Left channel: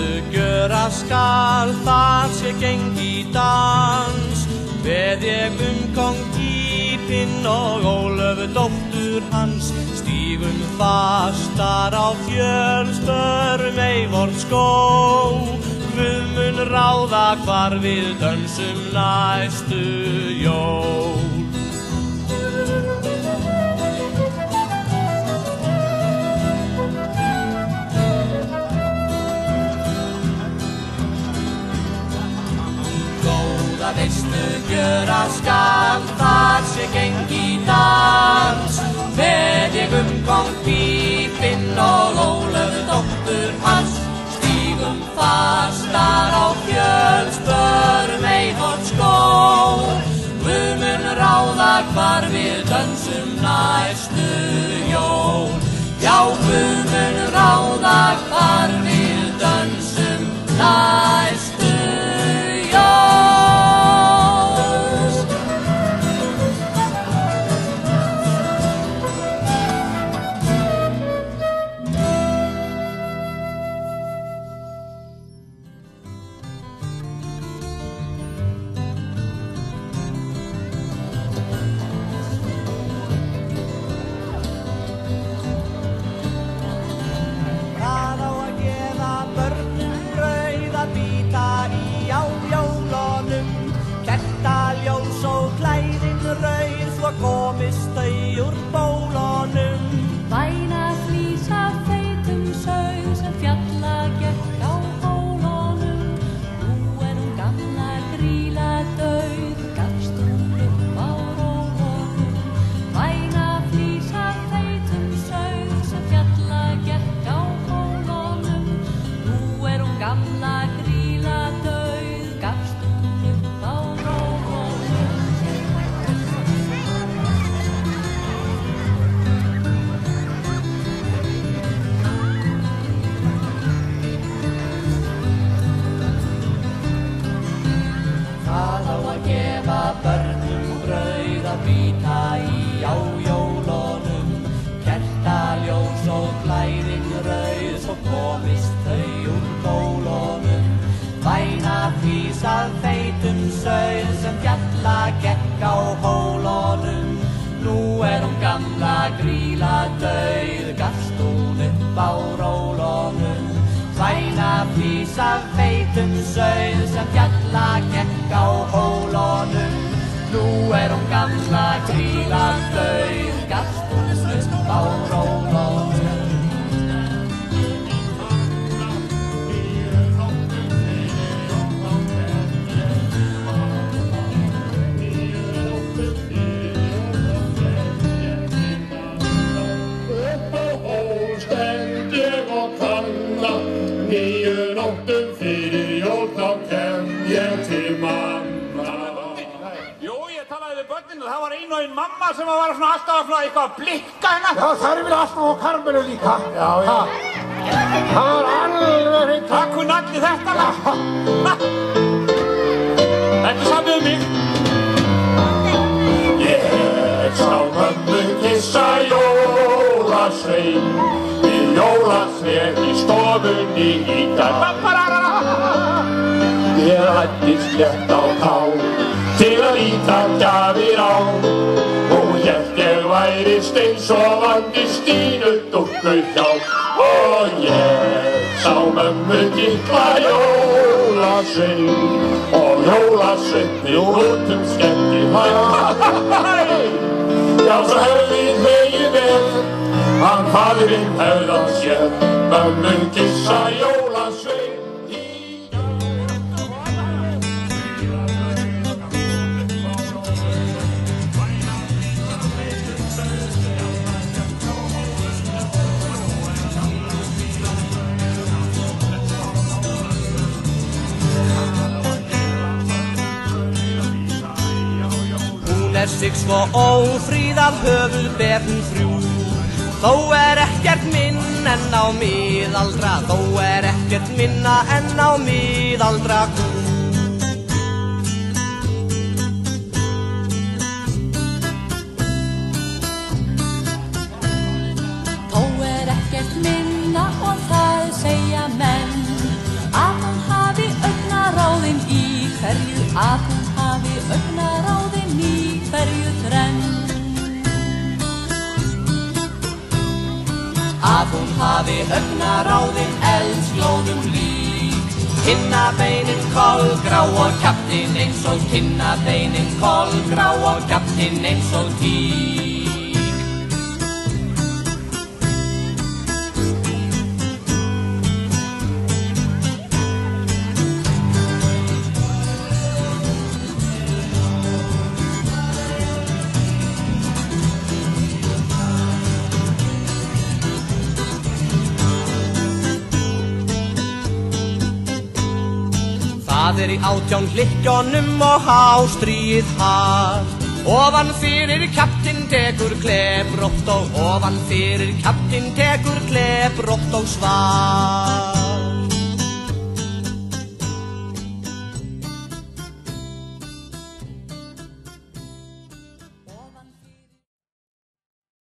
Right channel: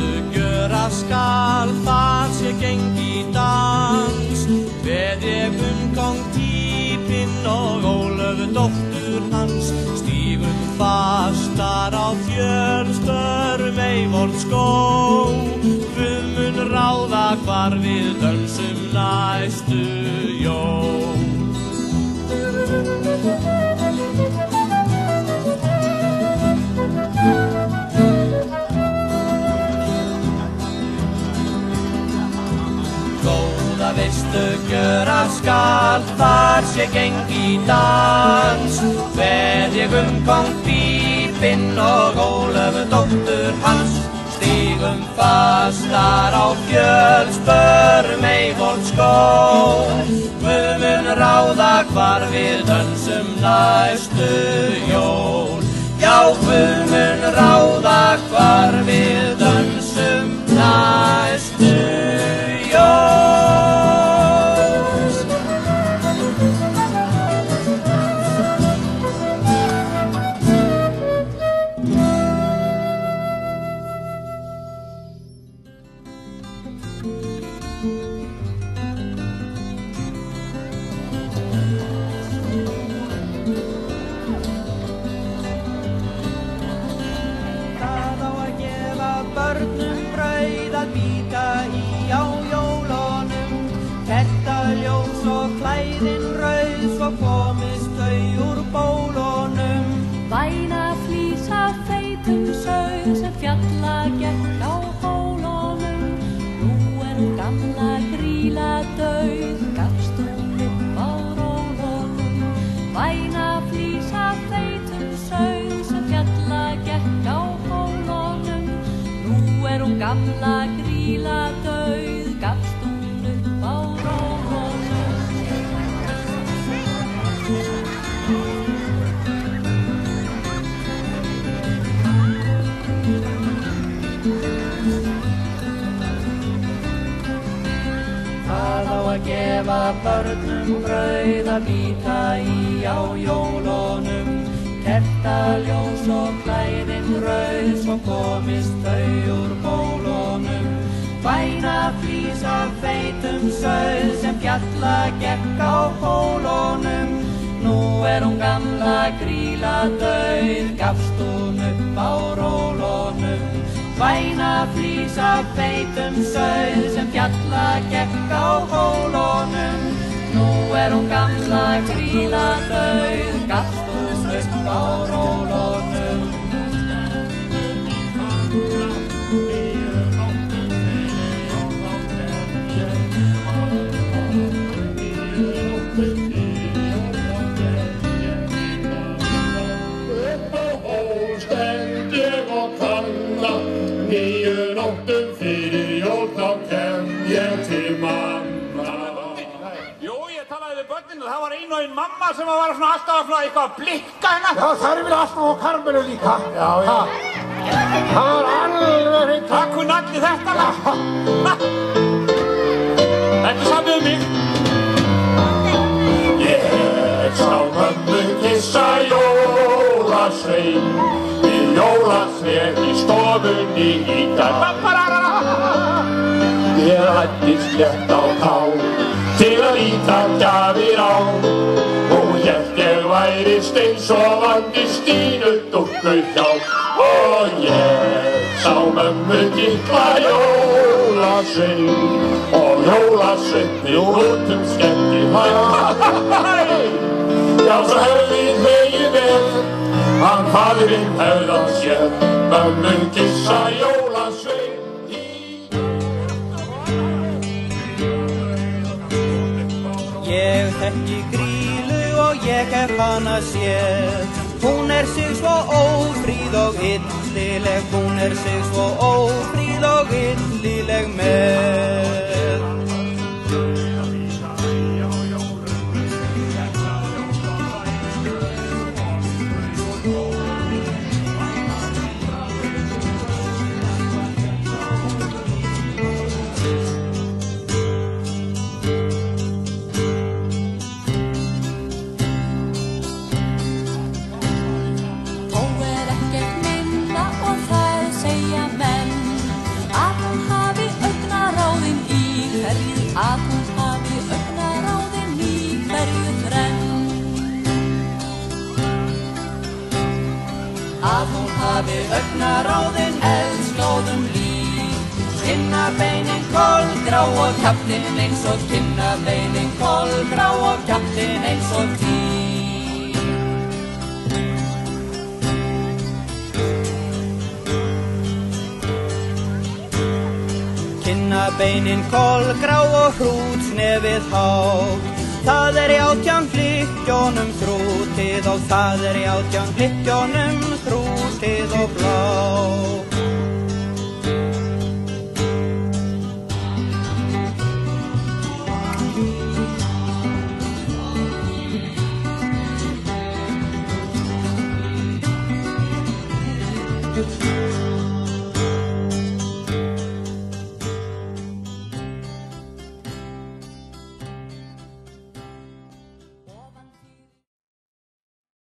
veistu gjöra skal, þar sé gengi dans. Veð ég kóng Pípinn og Ólöfu dóttur hans, stígum fastar á fjöll, spörum Eivort skóg. Guð mun ráða hvar við dönsum næstu jól. Góða veistu gjöra skal, þar sé gengi dans. Veð ég kóng Pípinn og Ólöfu dóttur hans, stígum fastar á fjöll, spörum Eivort skóg. Guð mun ráða hvar við dönsum næstu jól. Já, Guð mun ráða hvar við dönsum næstu jól. Komist þau úr bólunum. Væna flís af feitum sauð sem fjalla gekk á hólunum. Nú hún gamla Grýla dauð, gafst hún upp á rólunum. Væna flís af feitum sauð sem fjalla gekk á hólunum. Nú hún gamla Grýla dauð, gafst hún upp á rólunum. Gefa börnum brauð að bíta í á jólunum. Kertaljós og klæðin rauð, svo komist þau úr bólunum. Væna flís af feitum sauð sem fjalla gekk á hólunum. Nú hún gamla Grýla dauð, gafst hún upp á rólunum. Væna flís af feitum sauð sem fjalla gekk á hólunum. Nú hún gamla Grýla dauð, gafst hún upp á rólunum. Upp á hól stend ég og kanna, 9 nóttum fyrir jól þá kem ég til manna. Jú, ég talaði við börnin og það var ein og ein mamma sem var svona alltaf svona eitthvað að blikka hérna. Já, það er vel alltaf á Karmelu líka. Já, já. Það var alveg hreint. Það kunni allir þetta lag. Þetta samið um mig. Ég sá mömmu kyssa jólasvein við jólasvein í stofunni í dag. Ég læddist létt á tá til að líta gjafir á og hélt ég væri steinsofandi Stínu dúkku hjá. Og ég sá mömmu kitla jólasvein og jólasveinni út skemmti Já, svo hefði hlegið vel, hann faðirinn hefði hann séð mömmu kyssa jólasvein. Ég þekki Grýlu og ég hef hana séð. Hún sig svo ófríð og yndileg, hún sig svo ófríð og yndileg með. Hún sig svo ófríð að höfuð ber hún frú. Þó ekkert minn en á miðaldra, þó ekkert minna en á miðaldra kú. Þó ekkert minna og það segja menn hverju að hún hafi augnaráðin í hverju þrenn. Að hún hafi augnaráðin eldsglóðum lík, kinnabeinin kolgrá og kjaftinn eins og kinnabeinin kolgrá og kjaftinn eins og tík. Kinnabeinin kolgrá og hrútnefið hátt, það í 18 hlykkjónum krútið og það í 18 hlykkjónum krútið og blátt. Það í 18 hlykkjónum og hástríð hart, ofan fyrir kjaftinn tekur klefrótt og ofan fyrir kjaftinn tekur klefrótt og svart.